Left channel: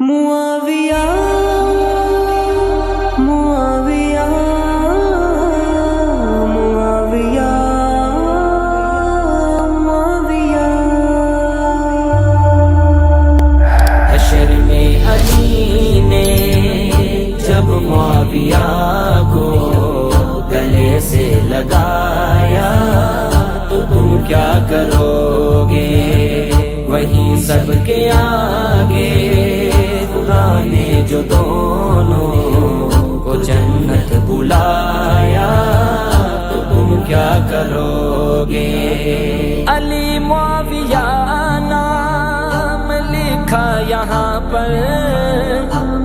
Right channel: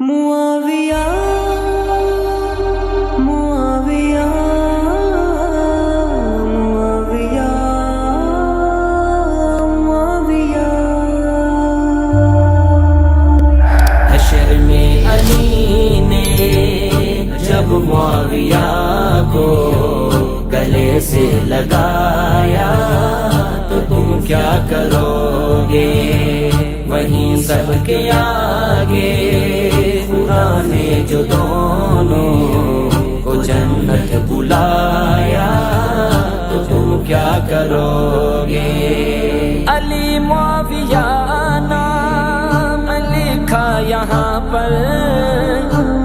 معاویہ معاویہ معاویہ معاویہ حشر میں علی نے جب معاویہ کو گلے سے لگایا تو تم کیا کرو گے؟ وہیں سب کے آگے خدا نے جو دونوں کو جنت بلایا تو تم کیا کرو گے؟ علی معاویہ نام لکھا یہاں پر،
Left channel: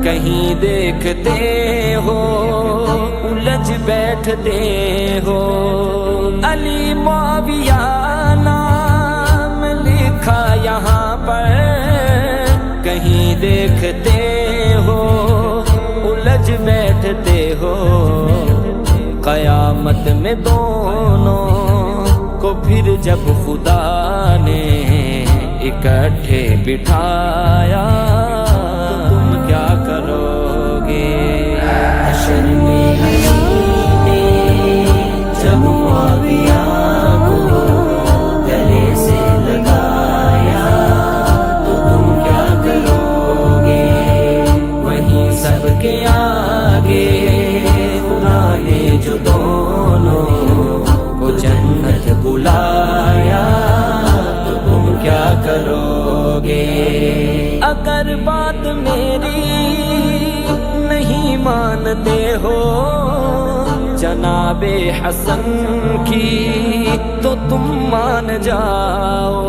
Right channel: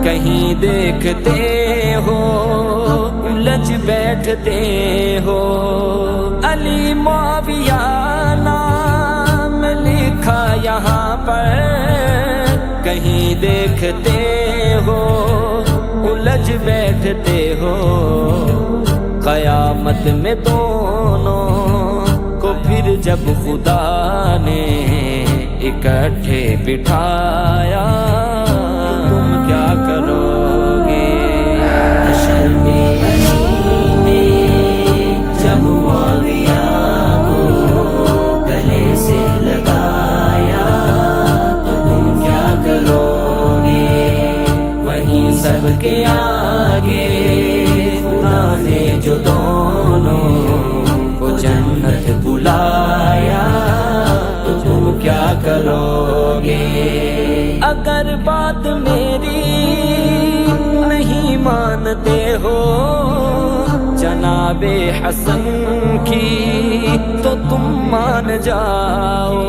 کہیں دیکھتے ہو الجھ بیٹھتے ہو۔ علی معاویہ نام لکھا یہاں پر، کہیں دیکھتے ہو الجھ بیٹھتے ہو۔ قیامت میں دونوں کو پھر جب خدا نے اکٹھے بٹھایا تم کیا کرو گے؟ حشر میں علی نے جب معاویہ کو گلے سے لگایا تو تم کیا کرو گے؟ وہیں سب کے آگے خدا نے جو دونوں کو جنت بلایا تو تم کیا کرو گے؟ اگر بات میری نہیں مانتے ہو جناب حسن کی تو تم مان جاؤ۔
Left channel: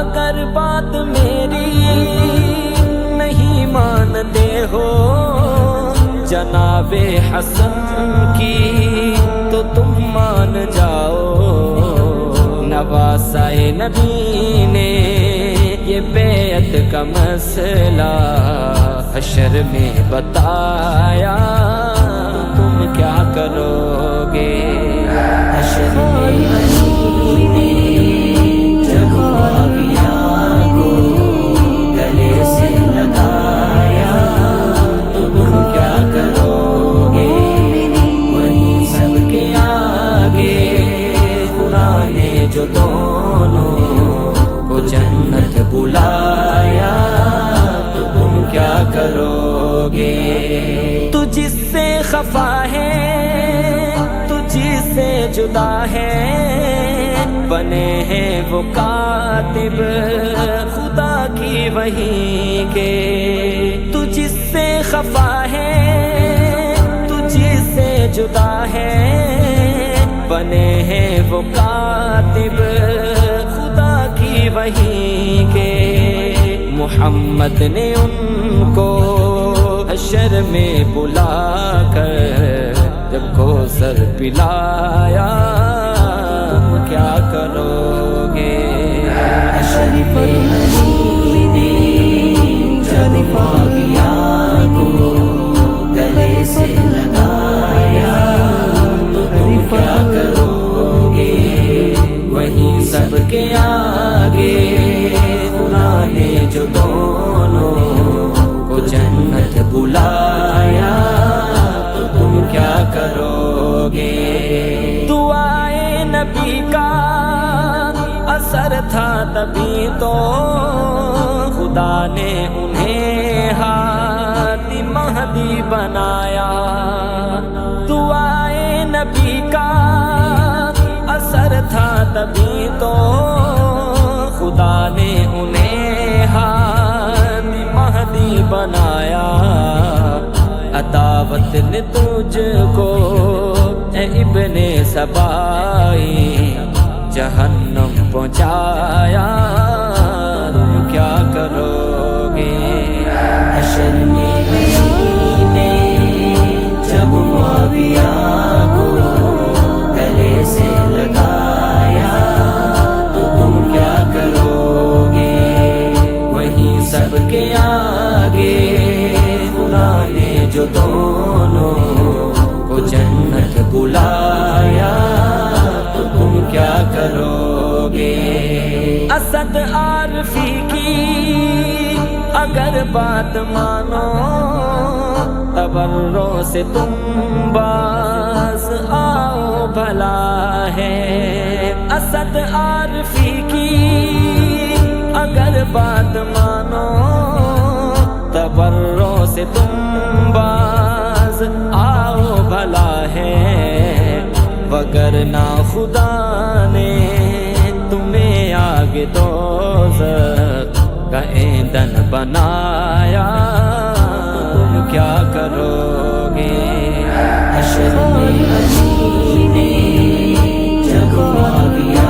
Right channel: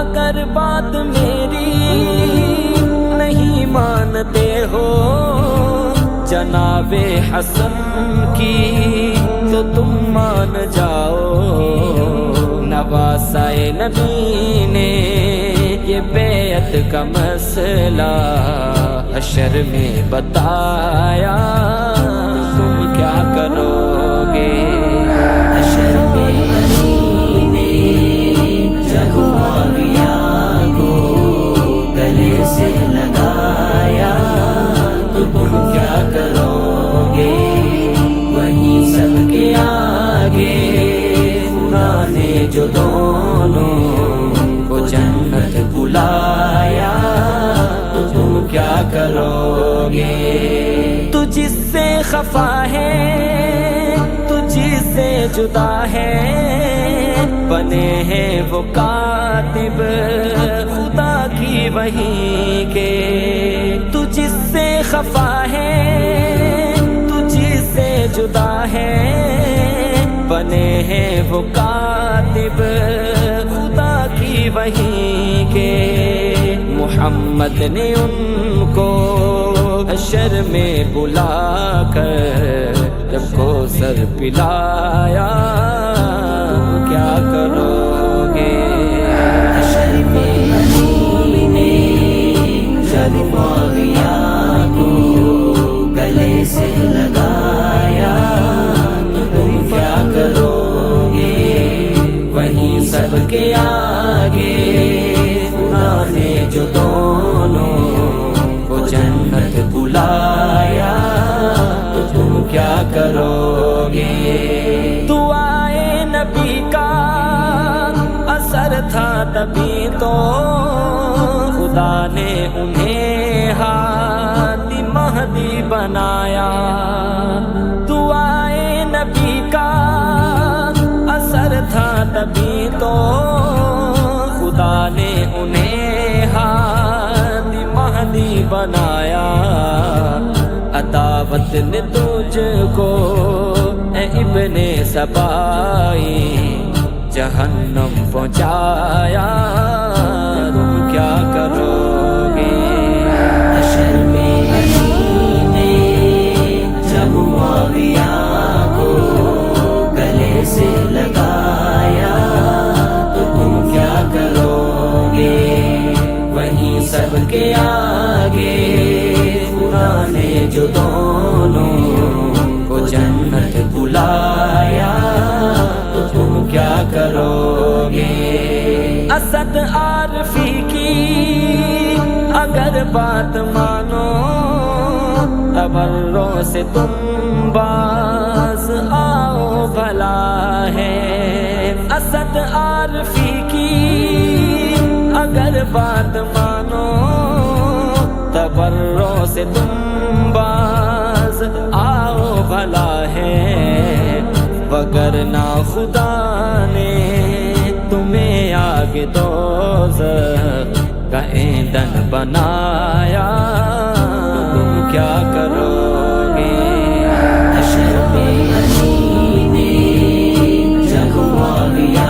اگر بات میری نہیں مانتے ہو جناب حسن کی تو تم مان جاؤ۔ نواسۂ نبی نے یہ بیعت کا مسئلہ حشر میں بتایا تم کیا کرو گے؟ حشر میں علی نے جب معاویہ کو گلے سے لگایا تو تم کیا کرو گے؟ وہیں سب کے آگے خدا نے جو دونوں کو جنت بلایا تو تم کیا کرو گے؟ تو جس سے خفا ہے تجھ سے جدا ہے، بنے ہیں وہ کاتب خدا کی وحی کے۔ تو جس سے خفا ہے تجھ سے جدا ہے، بنے ہیں وہ کاتب خدا کی وحی کے۔ محمد نے ان کو حشر میں بلا کر جب کوثر پلایا تم کیا کرو گے؟ حشر میں علی نے جب معاویہ کو گلے سے لگایا تو تم کیا کرو گے؟ وہیں سب کے آگے خدا نے جو دونوں کو جنت بلایا تو تم کیا کرو گے؟ دعائے نبی کا اثر تھا تبھی تو خدا نے انہیں ہادی مہدی بنایا۔ دعائے نبی کا اثر تھا تبھی تو خدا نے انہیں ہادی مہدی بنایا۔ عداوت نے تجھ کو اے ابن سبائی جہنم پہنچایا تم کیا کرو گے؟ حشر میں علی نے جب معاویہ کو گلے سے لگایا تو تم کیا کرو گے؟ وہیں سب کے آگے خدا نے جو دونوں کو جنت بلایا تو تم کیا کرو گے؟ اسد عارفی کی اگر بات مانو تبرو سے تم باز آؤ بھلا ہے اسد عارفی کی اگر بات مانو تبرو سے تم باز آؤ بھلا ہے وگرنہ خدا نے تمہیں آگ دوزخ کا ایندھن بنایا تم کیا کرو گے حشر میں علی نے جب معاویہ